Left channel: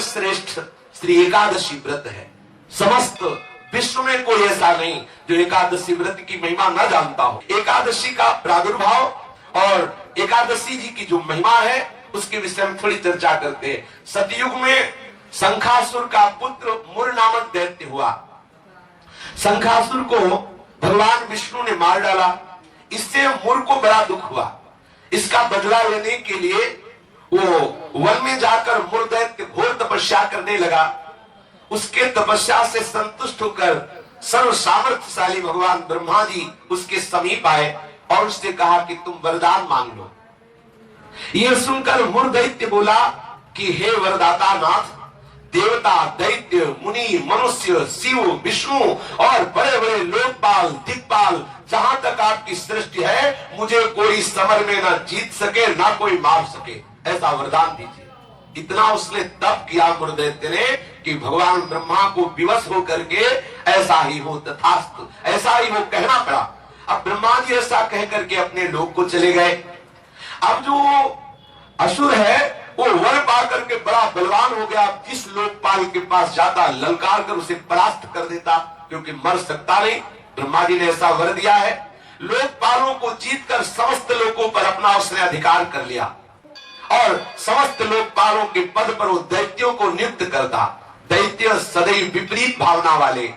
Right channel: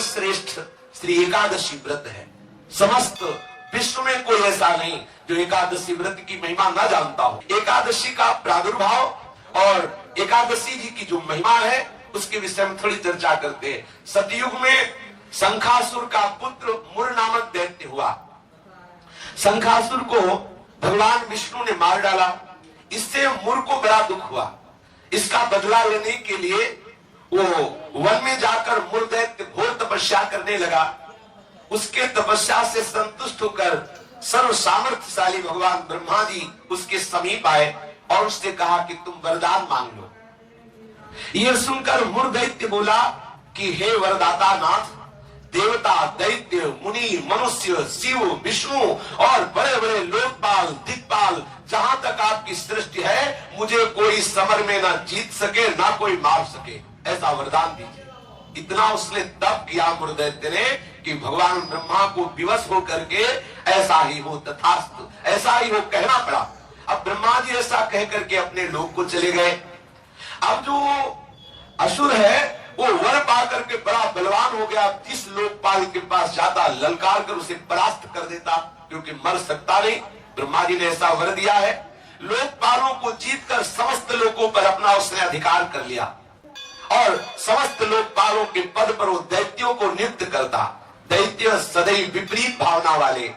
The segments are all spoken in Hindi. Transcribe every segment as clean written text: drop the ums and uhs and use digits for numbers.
सर्वश्रेष्ठ श्री एकादशी व्रत है। समस्त विश्व में कोई ऐसा नहीं जो एकादशी व्रत की महिमा न जानता हो। एकादशी का प्रादुर्भाव और एकादशी जी की जो महिमा है उसके विषय में थोड़ी चर्चा करते हैं। सतयुग में शंखासुर का पुत्र मुर नामक दैत्य हुआ। शंखासुर को भगवान विष्णु ने मार डाला। इससे मुर को बड़ा दुख हुआ। इसका बदला लेने के लिए वो वन में जाकर मुर दैत्य घोर तपस्या करने लगा। उसके तपस्या से संतुष्ट होकर सर्व सामर्थ्यशाली भगवान ब्रह्मा जी उसके समीप आए और उससे कहा कि तुम वरदान मांग लो। यह सुनकर मुर दैत्य बोला कि हे वरदाता नाथ, देवता, दैत्य, मुनि, मनुष्य, शिव, विष्णु और बड़े बड़े लोकपाल, दिक्पाल, जहां तक आपकी सृष्टि है, मुझे कोई समर में न जीत सके न कोई मार सके, ऐसा वरदान दीजिए। इतना उसने तप किया मुर दैत्य ने कि भगवान ब्रह्मा को विवश होकर के ऐसा ही हो तथास्तु, ऐसा ही हो कहना पड़ा। अब ब्रह्मा जी ऐसा कह करके अपने लोक को चले गए। अब जो असुर है वो वर पा करके बड़ा बलवान हो गया। जिस लोकपाल के पास जाता ललकार कर उसे परास्त कर देता, क्योंकि मर सकता नहीं। ब्रह्मा जी ने ऐसा वर दिया है। लोकपालों को जीतकर समस्त लोकों पर अपना उसने अधिकार कर लिया और समस्त लोकपालों के पद पर वो दैत्यों को नियुक्त करता। दैत्य सदैव विपरीत भावना वाले,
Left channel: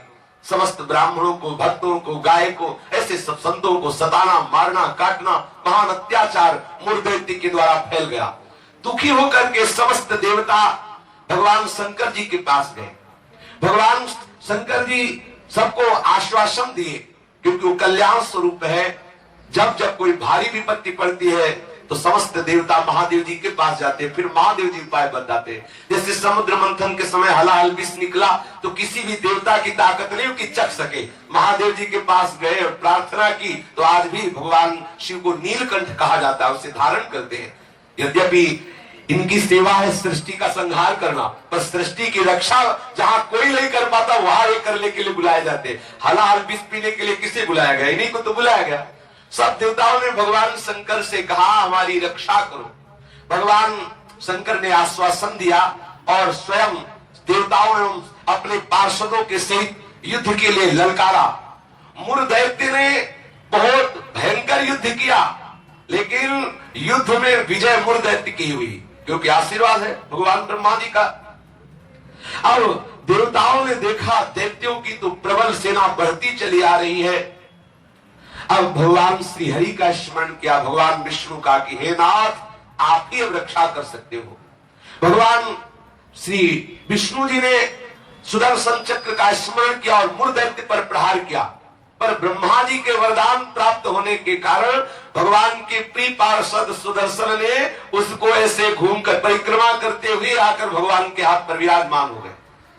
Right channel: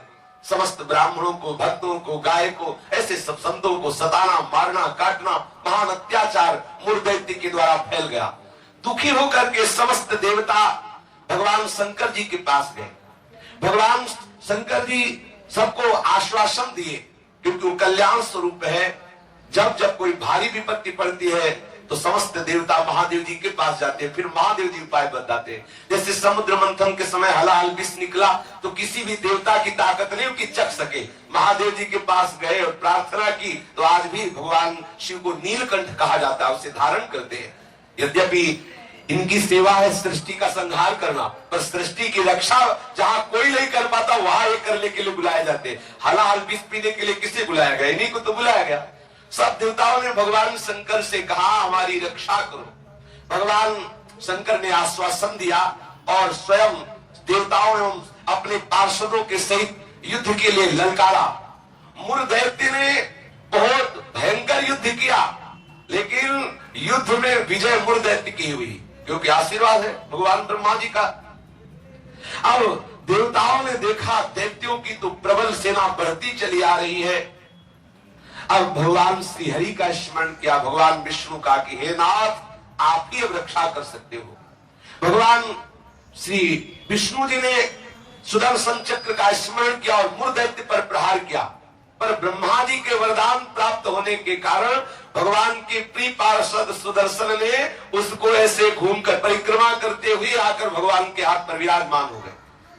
समस्त ब्राह्मणों को, भक्तों को, गाय को, ऐसे सब संतों को सताना, मारना, काटना, महान अत्याचार मुर दैत्य के द्वारा फैल गया। दुखी होकर के समस्त देवता भगवान शंकर जी के पास गए। भगवान शंकर जी सबको आश्वासन दिए, क्योंकि वो कल्याण स्वरूप है। जब जब कोई भारी विपत्ति पड़ती है तो समस्त देवता महादेव जी के पास जाते हैं, फिर महादेव जी उपाय बताते हैं। जैसे समुद्र मंथन के समय हलाहल विष निकला तो किसी भी देवता की ताकत नहीं कि चख सके। महादेव जी के पास गए और प्रार्थना की तो आज भी भगवान शिव को नीलकंठ कहा जाता है, उसे धारण करते हैं। यद्यपि इनकी सेवा है सृष्टि का संहार करना, पर सृष्टि की रक्षा जहां कोई नहीं कर पाता वहां ये करने के लिए बुलाए जाते। हलाहल विष पीने के लिए किसे बुलाया गया? इन्हीं को तो बुलाया गया। सब देवताओं ने भगवान शंकर से कहा हमारी रक्षा करो। भगवान शंकर ने आश्वासन दिया और स्वयं देवताओं ने अपने पार्षदों के सहित युद्ध के लिए ललकारा। मुर दैत्य ने बहुत भयंकर युद्ध किया, लेकिन युद्ध में विजय मुर दैत्य की हुई, क्योंकि आशीर्वाद है भगवान ब्रह्मा जी का। अब देवताओं ने देखा दैत्यों की तो प्रबल सेना बढ़ती चली आ रही है। अब भगवान श्री हरि का स्मरण किया, भगवान विष्णु का कि हे नाथ आप ही रक्षा कर सकते हो। भगवान श्री विष्णु जी ने सुदर्शन चक्र का स्मरण किया और मुर दैत्य पर प्रहार किया, पर ब्रह्मा जी के वरदान प्राप्त होने के कारण भगवान के प्रिय पार्षद सुदर्शन ने उसको ऐसे घूमकर परिक्रमा करते हुए आकर भगवान के हाथ पर विराजमान हो गए,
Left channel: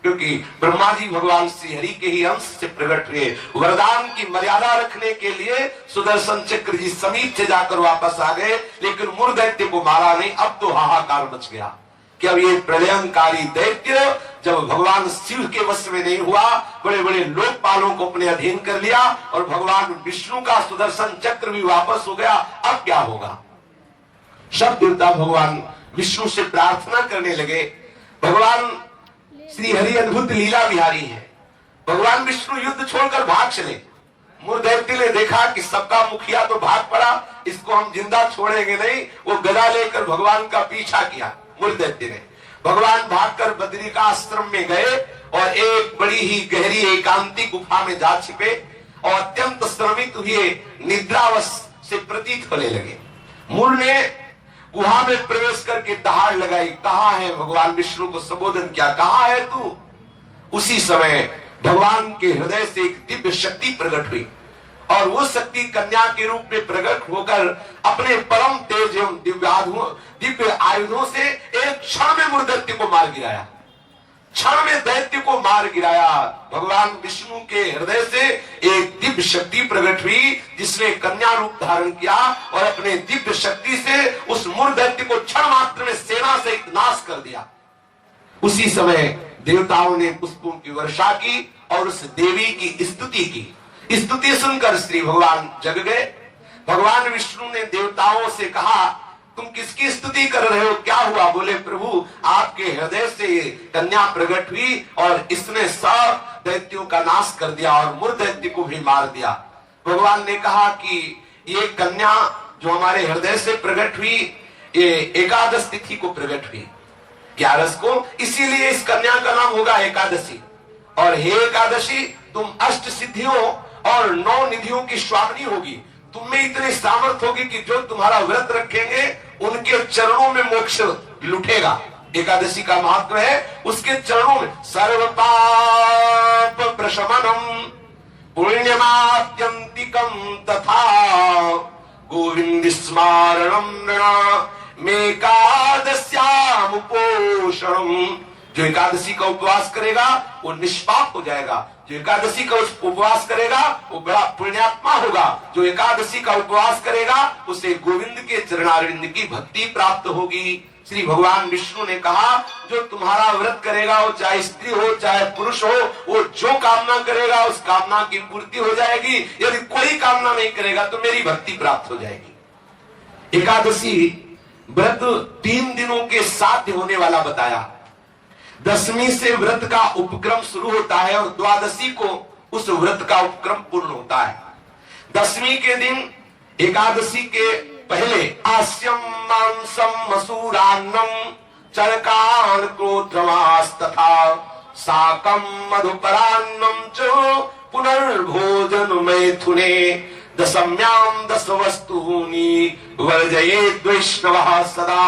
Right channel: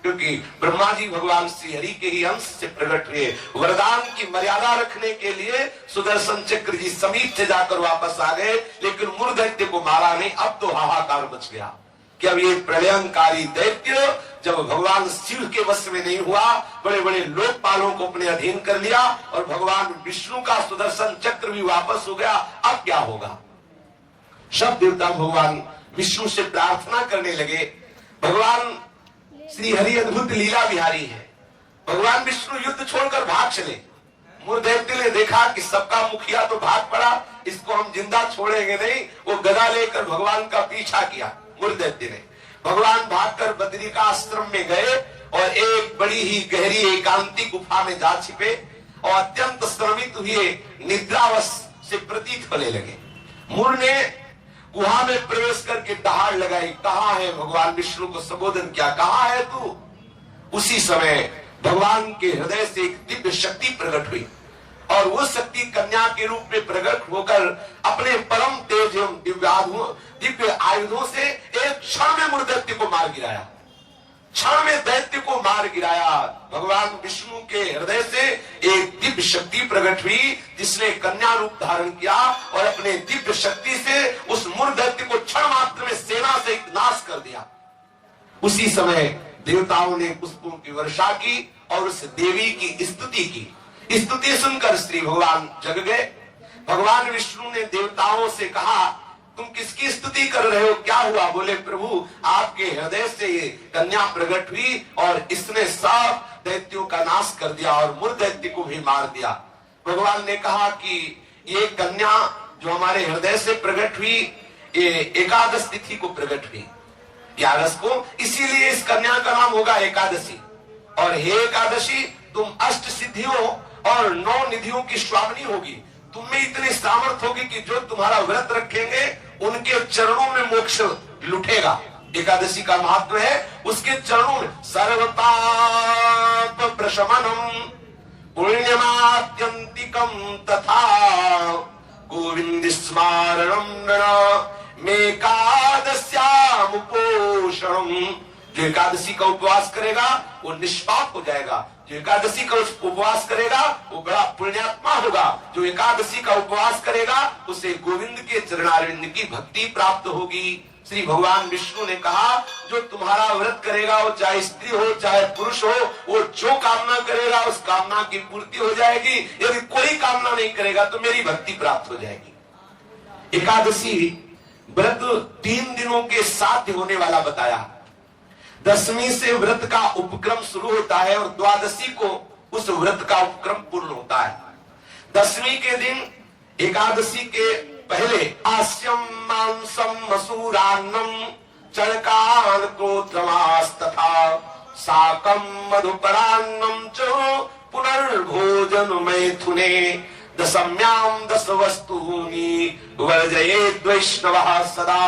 क्योंकि ब्रह्मा जी भगवान श्री हरि के ही अंश से प्रकट हुए। वरदान की मर्यादा रखने के लिए सुदर्शन चक्र जी समीप से जाकर वापस आ गए, लेकिन मुर दैत्य को मारा नहीं। अब तो हाहाकार मच गया कि अब ये प्रलयंकारी दैत्य जब भगवान शिव के वश में नहीं हुआ, बड़े बड़े लोकपालों को अपने अधीन कर लिया और भगवान विष्णु का सुदर्शन चक्र भी वापस हो गया, अब क्या होगा? सब देवता भगवान विष्णु से प्रार्थना करने लगे। भगवान श्री हरि अद्भुत लीला बिहारी है। भगवान विष्णु युद्ध छोड़कर भाग चले। मुर दैत्य ने देखा कि सबका मुखिया तो भाग पड़ा, इसको हम जिंदा छोड़ेंगे नहीं। वो गदा लेकर भगवान का पीछा किया। मुर दैत्य ने भगवान भागकर बद्री का आश्रम में गए और एक बड़ी ही गहरी एकांतिक गुफा में जा छिपे और अत्यंत श्रमित हुए निद्रावश से प्रतीत होने लगे। मुर ने गुहा में प्रवेश करके दहाड़ लगाई, कहाँ है? भगवान विष्णु को संबोधन किया, कहाँ है तू? उसी समय भगवान के हृदय से एक दिव्य शक्ति प्रकट हुई और वो शक्ति कन्या के रूप में प्रकट होकर अपने परम तेज एवं दिव्य आयुधों से एक क्षण में मुर दैत्य को मार गिराया। क्षण में दैत्य को मार गिराया। भगवान विष्णु के हृदय से एक दिव्य शक्ति प्रकट हुई, जिसने कन्या रूप धारण किया और अपने दिव्य शक्ति से उस मुर दैत्य को क्षण मात्र में सेना से नाश कर दिया। उसी समय देवताओं ने पुष्पों की वर्षा की और उस देवी की स्तुति की। स्तुति सुनकर श्री भगवान जग गए। भगवान विष्णु ने देवताओं से कहा तुम किसकी स्तुति कर रहे हो, क्या हुआ? बोले प्रभु आपके हृदय से ये कन्या प्रकट हुई और इसने सब दैत्यों का नाश कर दिया और मूल दैत्य को भी मार दिया। भगवान ने कहा कि ये कन्या जो हमारे हृदय से प्रकट हुई, ये एकादश तिथि को प्रकट हुई, 11 को, इसीलिए इस कन्या का नाम होगा एकादशी। और हे एकादशी, तुम अष्ट सिद्धियों और 9 निधियों की स्वामिनी होगी। तुम में इतनी सामर्थ्य होगी कि जो तुम्हारा व्रत रखेंगे उनके चरणों में मोक्ष लुटेगा। एकादशी का महत्व है उसके चरणों में सर्वपाप प्रशमनम पुण्यमात्यंतिकम तथा गोविंद स्मारणम मेकादस्याम पोषणम। जो एकादशी का उपवास करेगा वो निष्पाप हो जाएगा। जो एकादशी का उपवास करेगा वो बड़ा पुण्यात्मा होगा। जो एकादशी का उपवास करेगा उसे गोविंद के चरणारविंद की भक्ति प्राप्त होगी। श्री भगवान विष्णु ने कहा जो तुम्हारा व्रत करेगा, वो चाहे स्त्री हो चाहे पुरुष हो, वो जो कामना करेगा उस कामना की पूर्ति हो जाएगी। यदि कोई कामना नहीं करेगा तो मेरी भक्ति प्राप्त हो जाएगी। एकादशी व्रत 3 दिनों के साथ होने वाला बताया। 10वीं से व्रत का उपक्रम शुरू होता है और द्वादशी को उस व्रत का उपक्रम पूर्ण होता है। 10वीं के दिन एकादशी के पहले आस्यम मांसम मसूरान्नम चरकान क्रोत्रमास तथा साकम मधुपरान्नम च पुनर्भोजन मैथुने दशम्याम 10 वस्तूनि वर्जयेत् वैष्णवः सदा।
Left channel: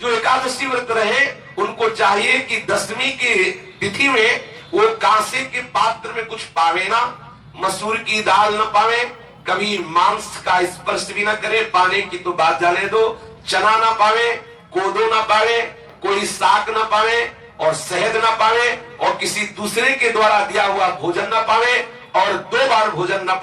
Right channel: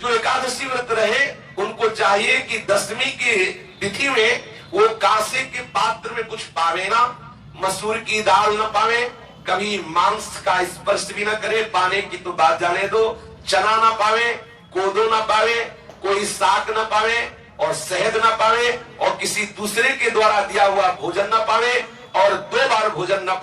जो एकादशी व्रत रहे उनको चाहिए कि 10वीं की तिथि में वो कांसे के पात्र में कुछ पावे ना, मसूर की दाल न पावे, कभी मांस का स्पर्श भी न करे, पाने की तो बात जाने दो, चना न पावे, कोदो न पावे, कोई साग न पावे और शहद न पावे और किसी दूसरे के द्वारा दिया हुआ भोजन न पावे और 2 बार भोजन न